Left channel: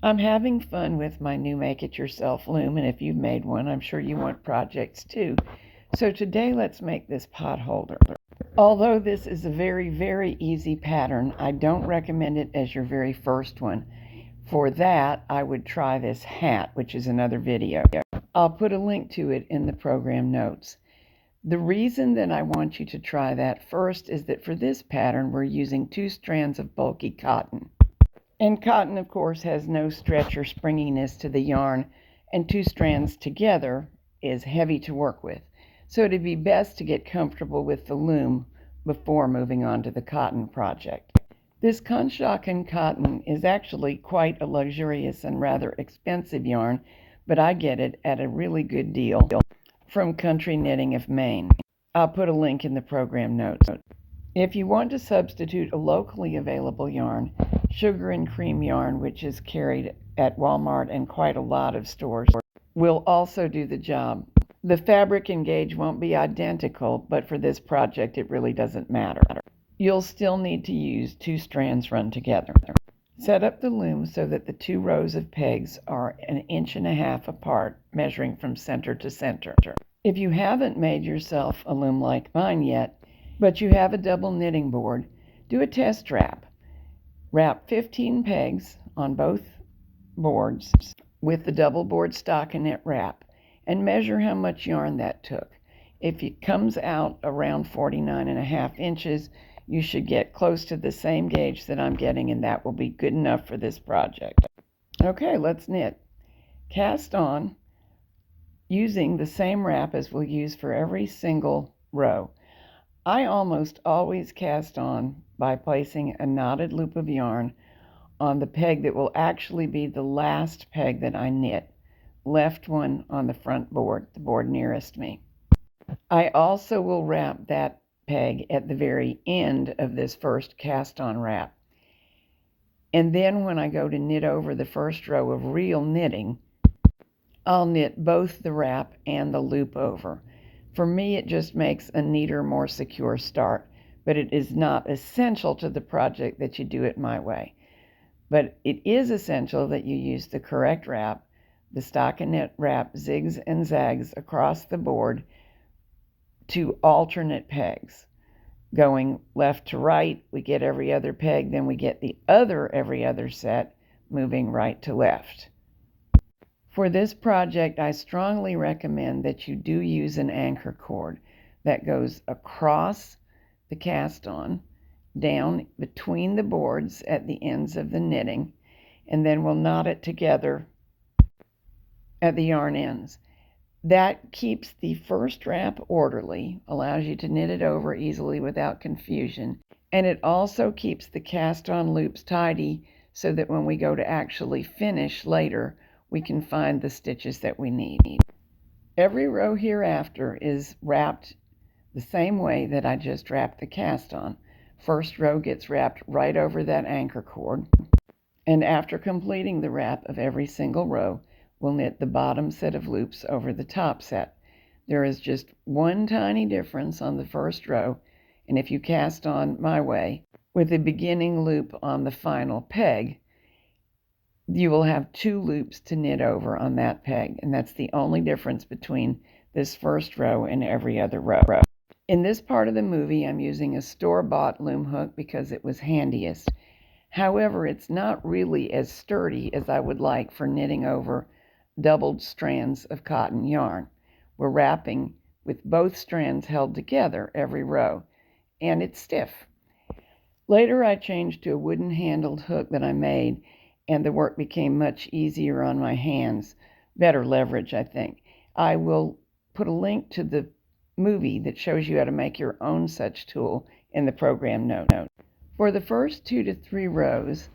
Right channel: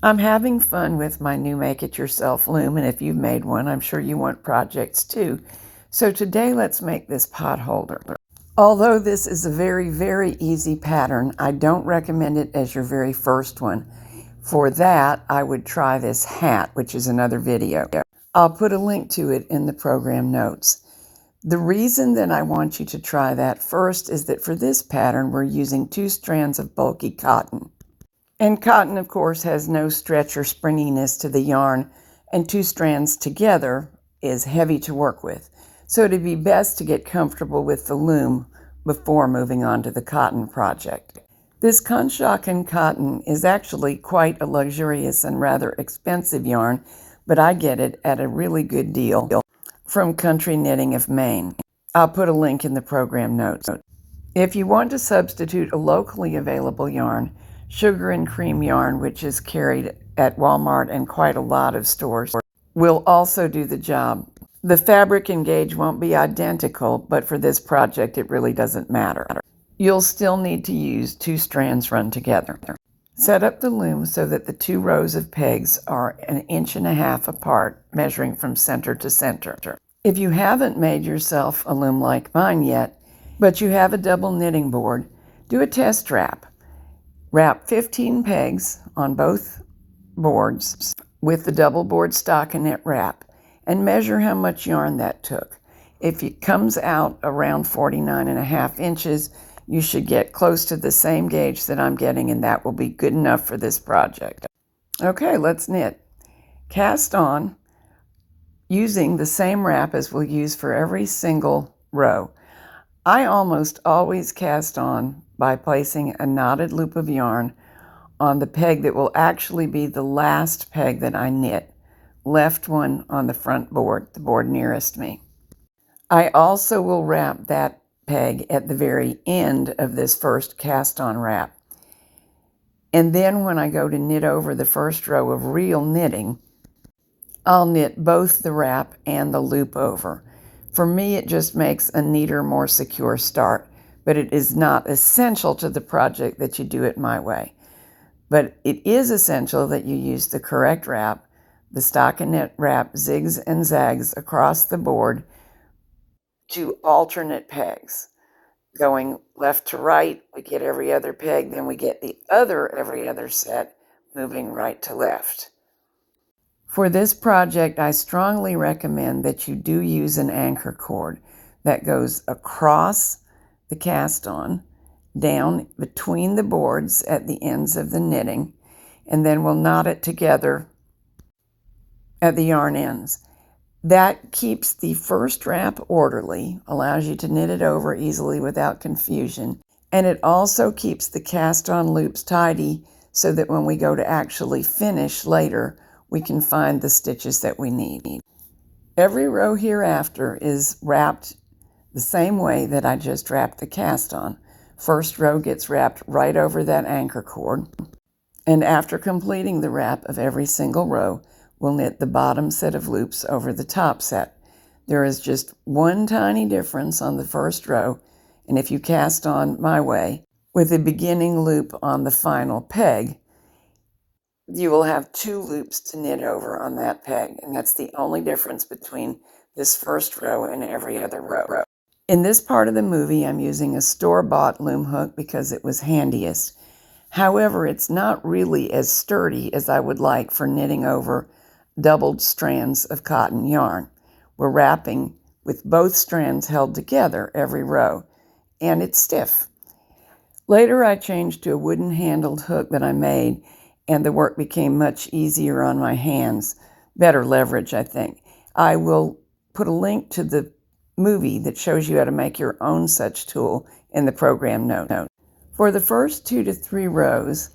I'm having fun with my new make-it-yourself loom, and if you've made one, I'm sure you want projects too. So today let's make this pot holder. Although this is a very, very easy pattern, I don't recommend it as your very first one. For that, I would try this hat, which is another video. I'll put a link to it in the program notes. The reason that I want you to try that first is that for this pattern, we're using 2 strands of bulky cotton. And cotton, of course, has no stretch or springiness to the yarn, and 2 strands together is heavy to work with. So it'd be best to get comfortable with the loom before moving on to the cotton project. This Conshohocken cotton is actually quite a luxurious and rather expensive yarn, but I get it at a really good deal from Country Knitting of Maine. I'll put a link in the program notes. If you want to substitute a locally available yarn, sugar and cream yarn, which is carried at Walmart and quite a lot of stores, will also do the job. The fabric and gauge won't be identical, but for this project it really doesn't matter. You'll still need to use 2 strands run together. Set up the loom so that the 2 rows of pegs are 1.5 inches apart, measuring from center to center. If you haven't made yourself a loom like mine yet, but you have a double knitting board, do a test wrap. Wrap 15 pegs on both boards with the double board stockinette wrap and measure how much yarn that took. If it comes out around 49.5 inches, you should get close to the same gauge that I'm getting, and that will be good enough for this project. Okay, let's knit. Cast on using the same wrap as we'll use for every single row. I almost always cast on by placing a knotted loop of yarn on the peg that will actually be the last peg that I knit, left one on the front board, the board nearest me. I also will wrap that peg at the very end of this first cast on wrap. And then when I go to knit over the first row of real knitting, I'll knit both the wrap and the loop over. For me, it just makes a neater, more secure start, but it is not essential to the project that you do it my way. But it is essential that you use the correct wrap, the stockinette wrap zigs and zags across the board to alternate pegs. Going left to right, we get every other peg, then we get the other every other set, moving right to left. For this project, I strongly recommend that you do use an anchor cord that goes across the cast on, down between the boards at the ends of the knitting, and then we'll knot it together at the yarn ends. That keeps the first wrap orderly, allows you to knit it over easily without confusion, and it also keeps the cast on loops tidy so that when we go to actually finish later, we can find the stitches that we need. Every row hereafter is wrapped the same way that I just wrapped the cast on. First row gets wrapped right over that anchor cord, and after completing the wrap of every single row, we'll knit the bottom set of loops over the top set. There is just one tiny difference on the first row, and if you cast on my way, with the beginning loop on the final peg, you will have 2 loops to knit over on that peg, and that's the only difference between this first row and every other row. In this part of the movie, I'm using a store-bought loom hook because it was handiest. However, it's not really as sturdy as I would like for knitting over doubled strands of cotton yarn. We're wrapping with both strands held together every row, and it's stiff. Later, I changed to a wooden-handled hook that I made, and the work became much easier on my hands. Better leverage, I think. I will put a link to the movie that shows you how to make your own such tool in the program note. For the first 2 to 3 rows,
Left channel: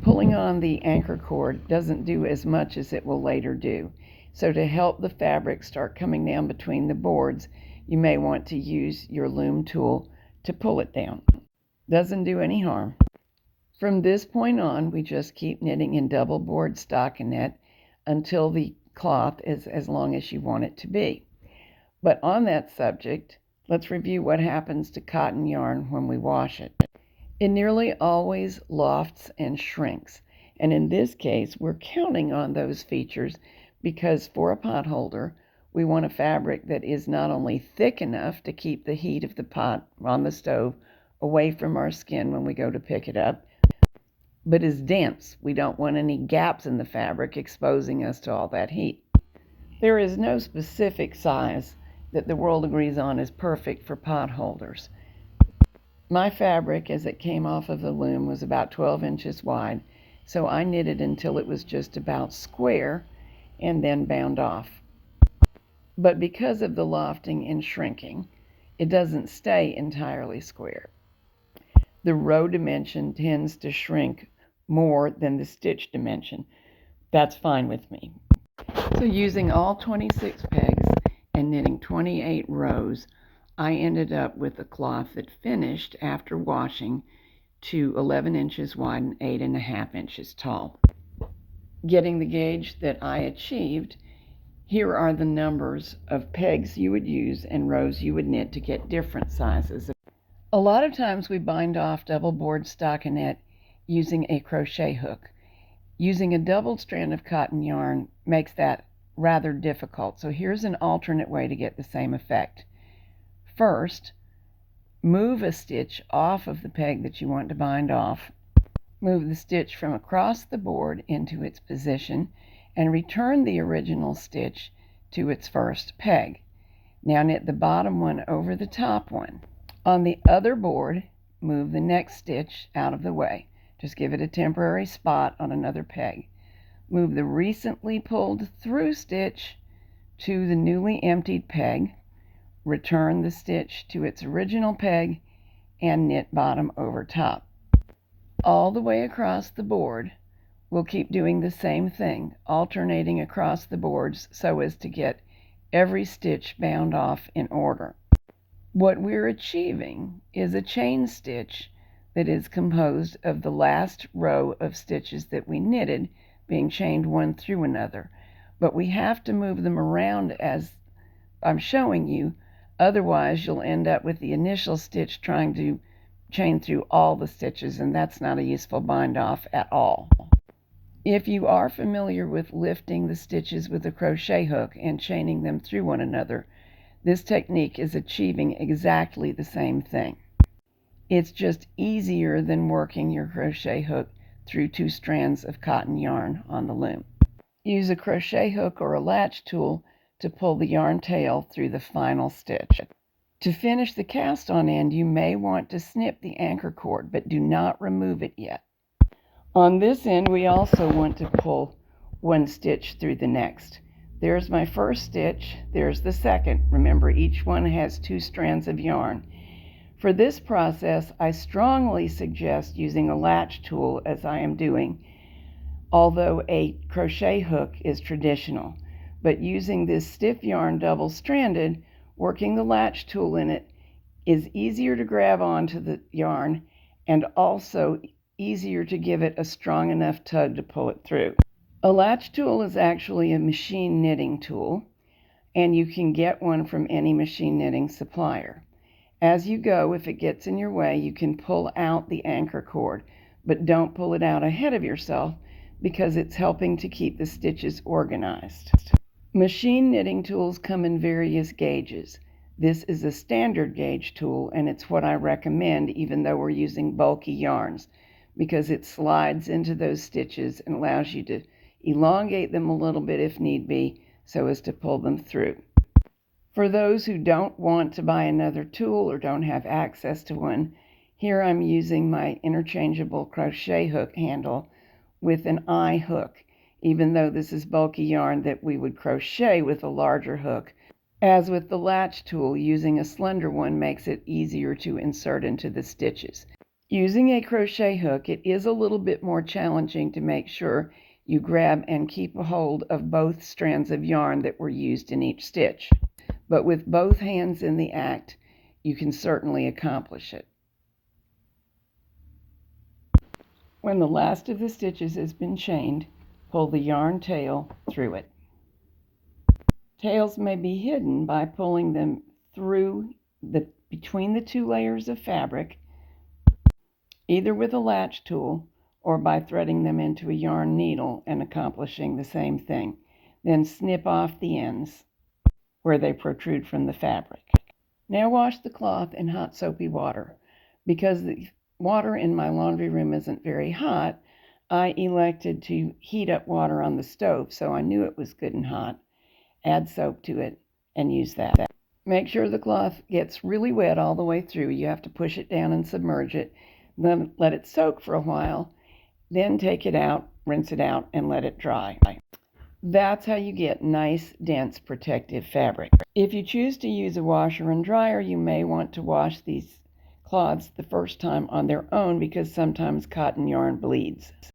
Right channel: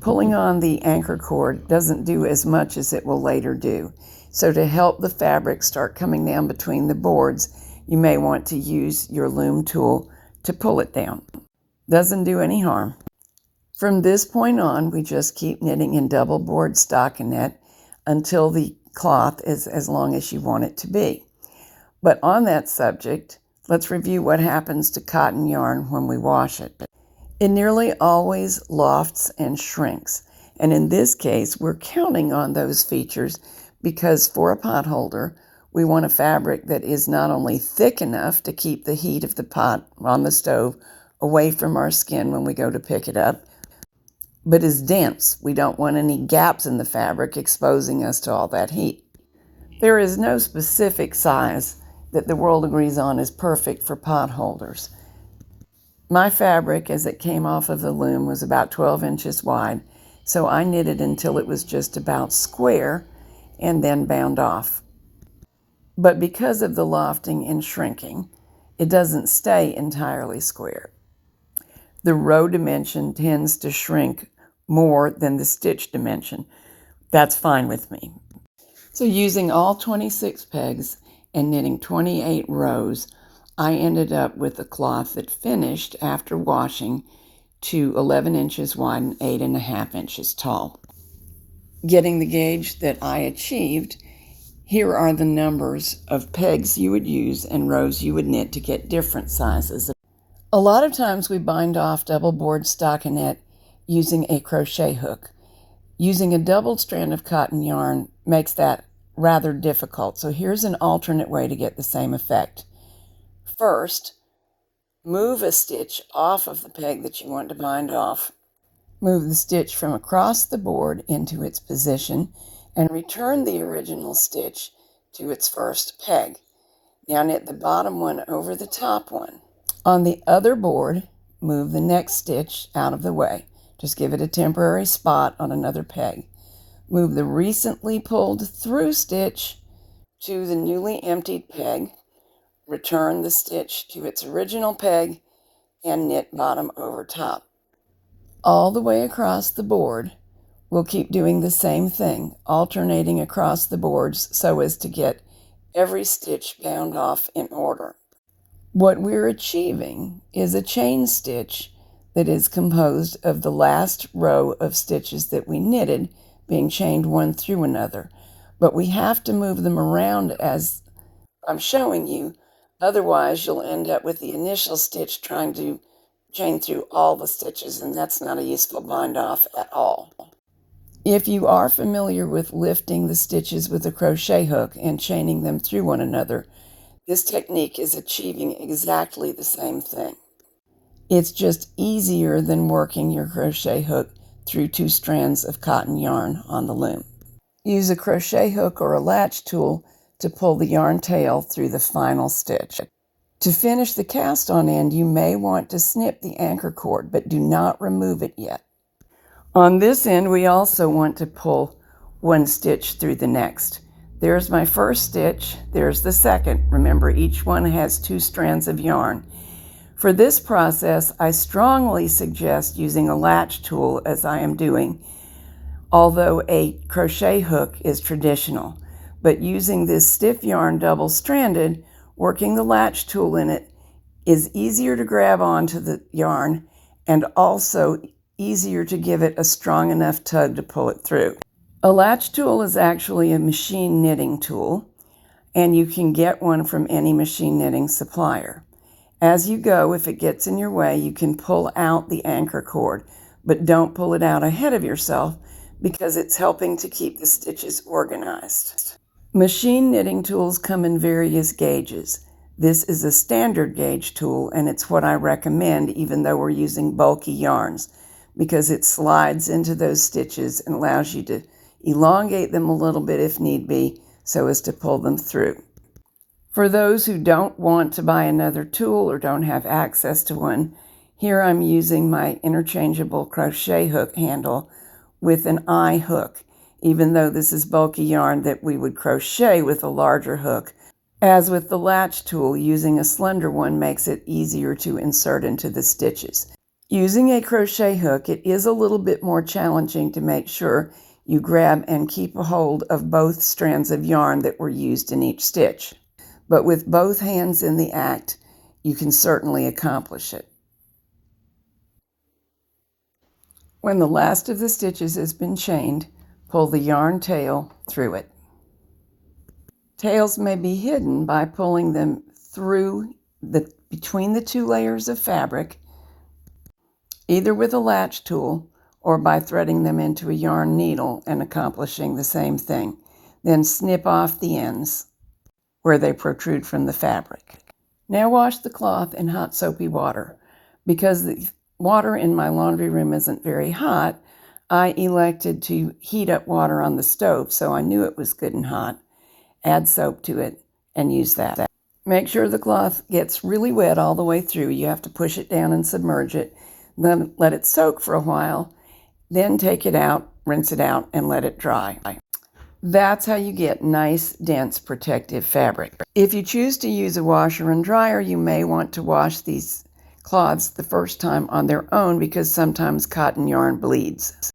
pulling on the anchor cord doesn't do as much as it will later do. So to help the fabric start coming down between the boards, you may want to use your loom tool to pull it down. Doesn't do any harm. From this point on, we just keep knitting in double board stockinette until the cloth is as long as you want it to be. But on that subject, let's review what happens to cotton yarn when we wash it. It nearly always lofts and shrinks, And in this case, we're counting on those features because for a pot holder, we want a fabric that is not only thick enough to keep the heat of the pot on the stove away from our skin when we go to pick it up, but is dense. We don't want any gaps in the fabric exposing us to all that heat. There is no specific size that the world agrees on is perfect for pot holders. My fabric, as it came off of the loom, was about 12 inches wide, so I knitted until it was just about square and then bound off. But because of the lofting and shrinking, it doesn't stay entirely square. The row dimension tends to shrink more than the stitch dimension. That's fine with me. So using all 26 pegs and knitting 28 rows, I ended up with a cloth that finished after washing to 11 inches wide and 8.5 inches tall. Getting the gauge that I achieved, here are the numbers of pegs you would use and rows you would knit to get different sizes. A lot of times we bind off double board stockinette using a crochet hook. Using a double strand of cotton yarn makes that rather difficult, so here's an alternate way to get the same effect. First, move a stitch off of the peg that you want to bind off. Move the stitch from across the board into its position and return the original stitch to its first peg. Now knit the bottom one over the top one. On the other board, move the next stitch out of the way. Just give it a temporary spot on another peg. Move the recently pulled through stitch to the newly emptied peg. Return the stitch to its original peg and knit bottom over top. All the way across the board, we'll keep doing the same thing, alternating across the boards so as to get every stitch bound off in order. What we're achieving is a chain stitch that is composed of the last row of stitches that we knitted being chained one through another, but we have to move them around as I'm showing you, otherwise you'll end up with the initial stitch trying to chain through all the stitches, and that's not a useful bind off at all. If you are familiar with lifting the stitches with a crochet hook and chaining them through one another, this technique is achieving exactly the same thing. It's just easier than working your crochet hook through 2 strands of cotton yarn on the loom. Use a crochet hook or a latch tool to pull the yarn tail through the final stitch. To finish the cast on end, you may want to snip the anchor cord, but do not remove it yet. On this end, we also want to pull 1 stitch through the next. There's my first stitch, there's the second. Remember, each one has 2 strands of yarn. For this process, I strongly suggest using a latch tool as I am doing, although a crochet hook is traditional. But using this stiff yarn double-stranded, working the latch tool in it is easier to grab onto the yarn and also easier to give it a strong enough tug to pull it through. A latch tool is actually a machine knitting tool, and you can get one from any machine knitting supplier. As you go, if it gets in your way, you can pull out the anchor cord, but don't pull it out ahead of yourself because it's helping to keep the stitches organized. Machine knitting tools come in various gauges. This is a standard gauge tool, and it's what I recommend even though we're using bulky yarns, because it slides into those stitches and allows you to elongate them a little bit if need be so as to pull them through. For those who don't want to buy another tool or don't have access to one, here I'm using my interchangeable crochet hook handle with an eye hook, even though this is bulky yarn that we would crochet with a larger hook. As with the latch tool, using a slender one makes it easier to insert into the stitches. Using a crochet hook, it is a little bit more challenging to make sure you grab and keep a hold of both strands of yarn that were used in each stitch. But with both hands in the act, you can certainly accomplish it. When the last of the stitches has been chained, pull the yarn tail through it. Tails may be hidden by pulling them through between the 2 layers of fabric, either with a latch tool or by threading them into a yarn needle and accomplishing the same thing. Then snip off the ends where they protrude from the fabric. Now wash the cloth in hot soapy water. Because the water in my laundry room isn't very hot, I elected to heat up water on the stove, so I knew it was good and hot. Add soap to it and use that. Make sure the cloth gets really wet all the way through. You have to push it down and submerge it. Then let it soak for a while. Then take it out, rinse it out, and let it dry. That's how you get nice, dense, protective fabric. If you choose to use a washer and dryer, you may want to wash these cloths the first time on their own because sometimes cotton yarn bleeds.